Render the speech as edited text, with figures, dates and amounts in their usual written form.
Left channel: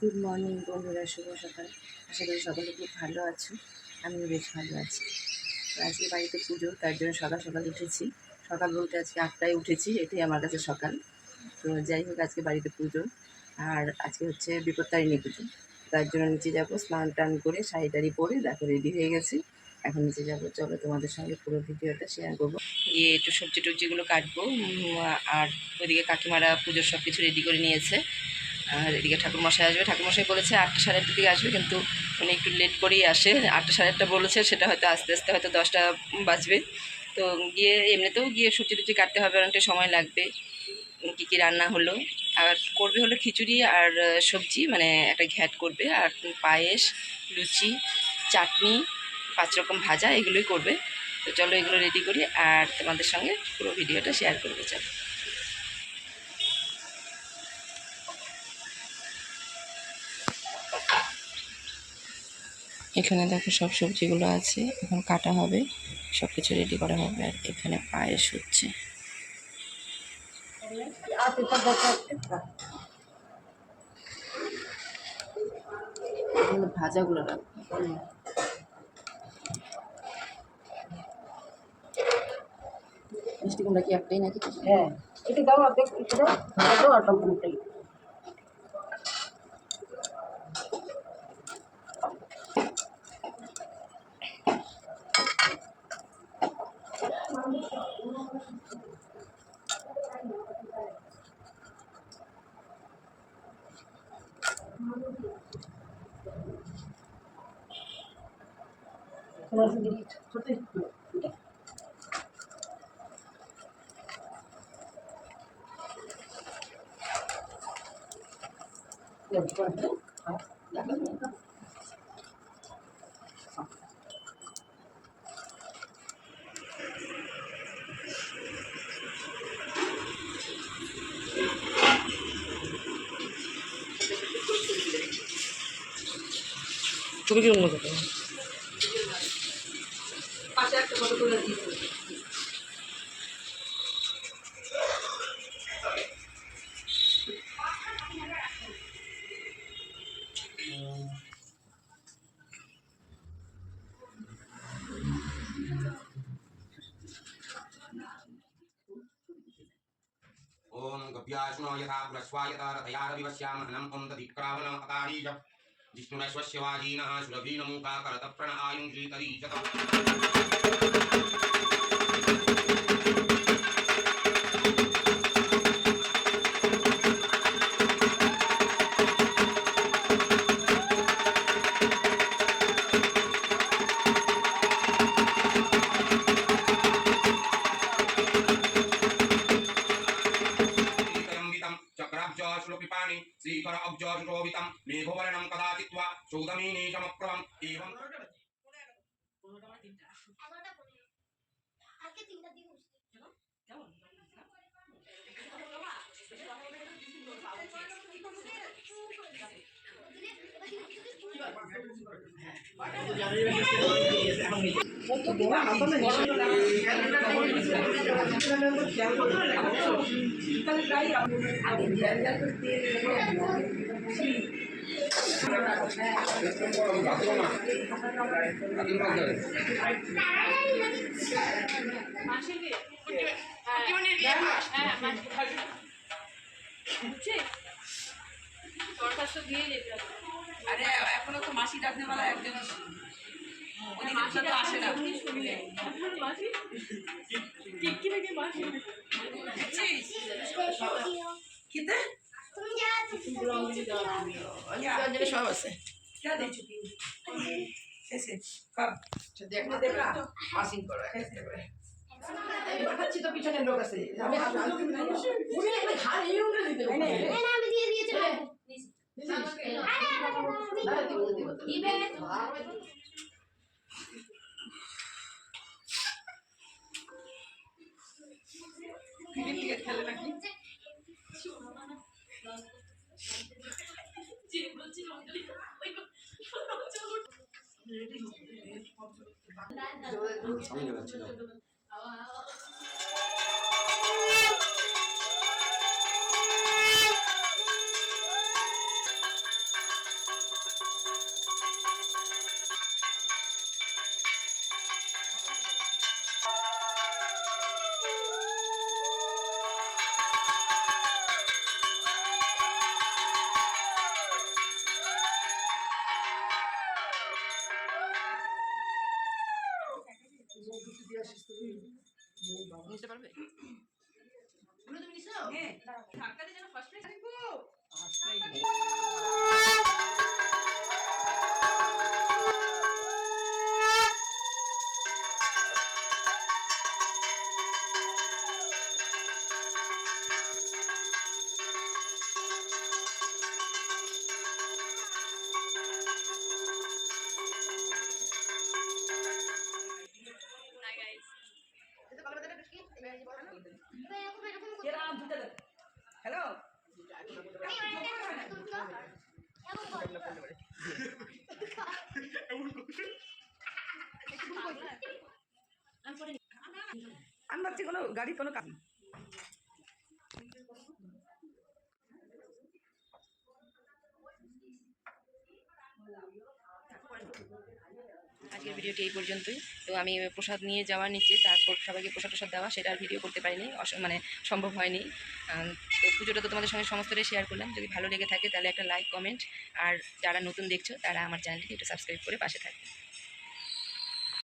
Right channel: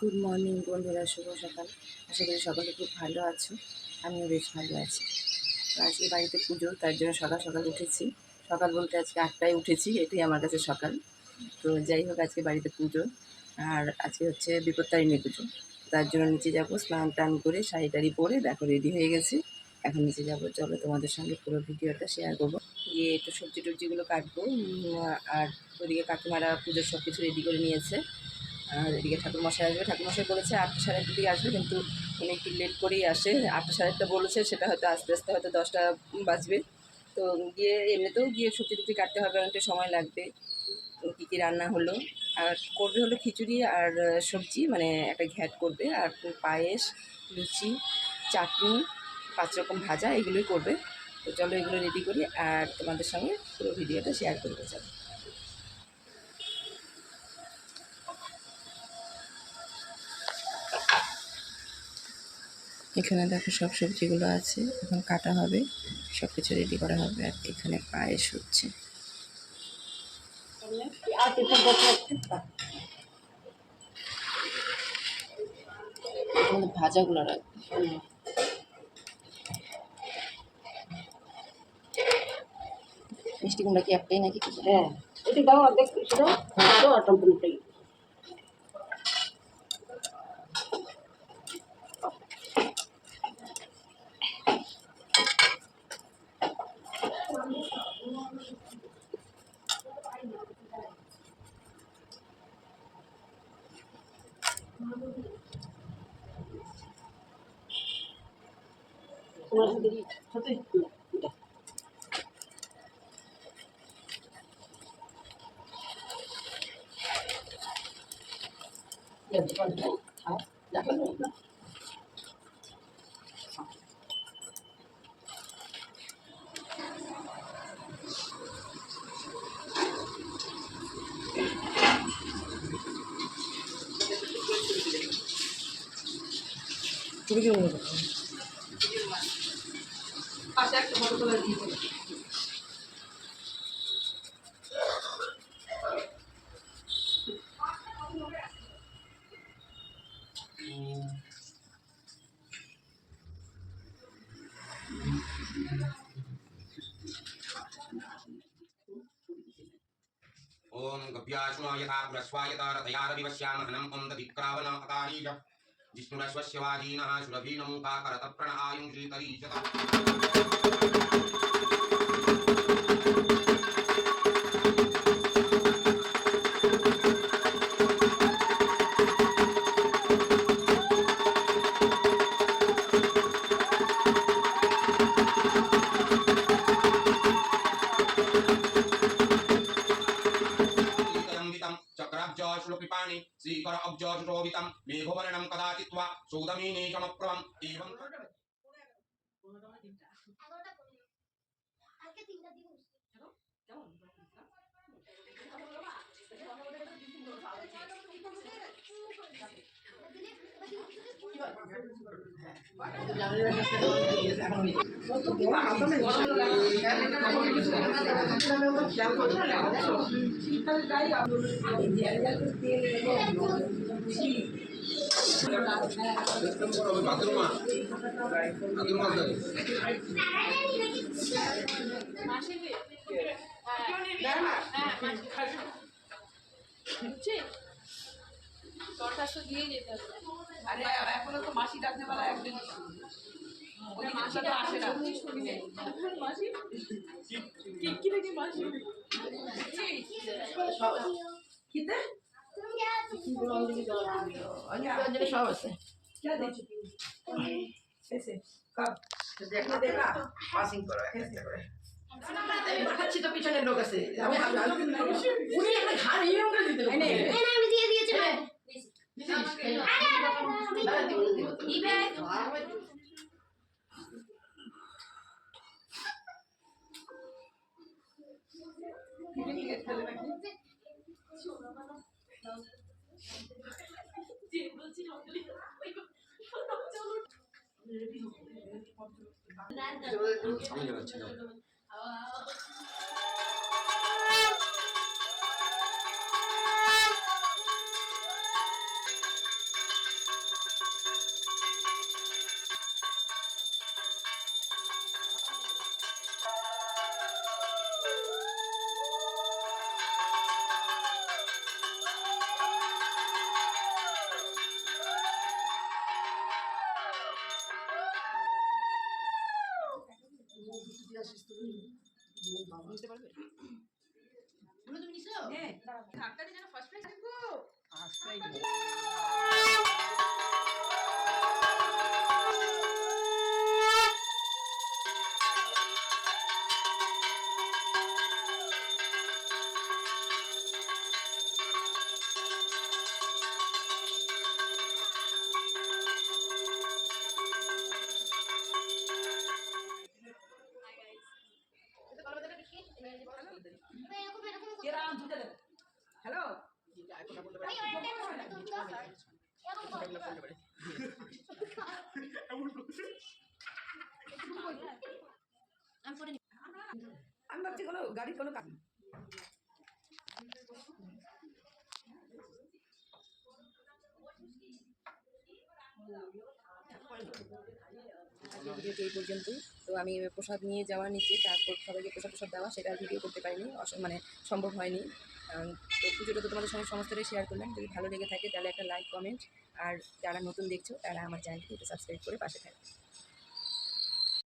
Good morning বন্ধুরা, শুভ সকাল। আশা করি সকলে খুব ভালো আছো, আমিও বেশ ভালো আছি। তো আজকে বাড়িতে পুজো, তার জন্য সকাল সকাল উঠেছি। সকাল বলতে আজকে 8টায় উঠেছি, এটাই আমার কাছে সকাল। তো যাই হোক, আজকে বাড়িতে পুজো, আর আজকে হচ্ছে বিপত্তারিণী পুজো। তার জন্য নিচে যাব, স্নান টান করে শাড়ি টাড়ি পরে দেখো রেডি হয়ে গেছি। এখন নিচে যাব, চলো তোমাদের সঙ্গে পুরো ভিডিওটা শেয়ার করবো। গিয়ে একটু সবজি টবজিগুলো কাটবো, আর ওইদিকে কাকিমারা পুজোর সব কিছু রেডি করে নিয়েছে। আর এদিকে ঠাকুরমশাই আসবে, ঠাকুরমশাই বলেছে 8টা সাড়ে 8টার দিকে আসবে, কিন্তু উনি একটু লেট করেই আসে। 8টা সাড়ে 8টা বলেছে, সেটা হয়তো আস্তে আস্তে হয়তো 10টা বাজবে। তো গিয়ে এমনিতেও গিয়ে সবজি টবজি কাটতে হবে, অনেকটা সময় লাগবে। কী কী রান্না হলো, আর করবে হলো খিচুড়ি আর সবজি, মানে একটা ঘ্যাট করবে, আর পায়েস, লুচি, চাটনি, 5 রকম ভাজা, এগুলোই করবে। তো চলো এগুলো রেডি করি, আর তোমাদের সঙ্গে পুরো ভিডিওটা শেয়ার করবো। চলো, এখানে দেখো সব সবজিগুলো আছে, এখন কাটা হবে, সব কিছু রেডি করা হবে। আর এখানে পায়েস হচ্ছে। ভাজাগুলো রাখবে। মিষ্টি কুমড়া কি একটাই নাকি? হ্যাঁ, এটা দাও, দেখ সেটা দাও, আর টমেটোটাই। তোমার সাথে সত্যি এটা ছবি কিরকম করতে পাশে একটা ফটো করে দিয়ে ओम गव्यासुनो यथा पुरस्वायता रथयारविवस्यामहनम् ओम दधिक्रावण अकारीज जिष्णुरश्वस्य वाजीनः सुरभीनमुखाकरतप्रण आयुंश्रीतरीजत चक्राब्जशुलकृपाणि श्रीकर अब्जशुशोभितं मेघवर्णं कदाचित्वा सौदमीनीशमप्रभम् एवं দিয়ে যেতে হবে। আরে এখনো তো মাসি ডাকতে বলা একজন ওই মাসি তো আসে না শুনলে মাসি কি থেকে মাসি কিতে তুমি যা তুমি সব আছে क्या दे चुकी ऐसे कब देखना देखा पासिंग करो ऐसे করে দেখাচ্ছি তো পিছনে লোক আছে আমি উনি এখানে ঘাড় এই আমরা দিতে না না আমি দিয়ে দিয়েছি দিবে ক্রিকেট খেলে নাকি যে বলছি অঞ্জলি ওই চলো রেডি হো আমি যাচ্ছি না আমি ভাবছি কোনো গাড়ির কোনো কাজ আজকের ভিডিওটি এই পর্যন্তই। তো আমি প্রসাদ নিয়ে যাওয়া নিচে, তারপর সবাইকে প্রসাদ টসাদ দেওয়া, সেটা আর ভিডিও করতে পারিনি, মানে সম্ভব হয়নি। তো পুজোটা তো তোমাদের সঙ্গে সমস্তটাই শেয়ার করলাম। যদি ভালো লেগে থাকে তাহলে একটা লাইক, কমেন্ট, আর যারা নতুন দেখছো তারা আমার চ্যানেলটিকে একটু সাবস্ক্রাইব করে পাশে থাকবে।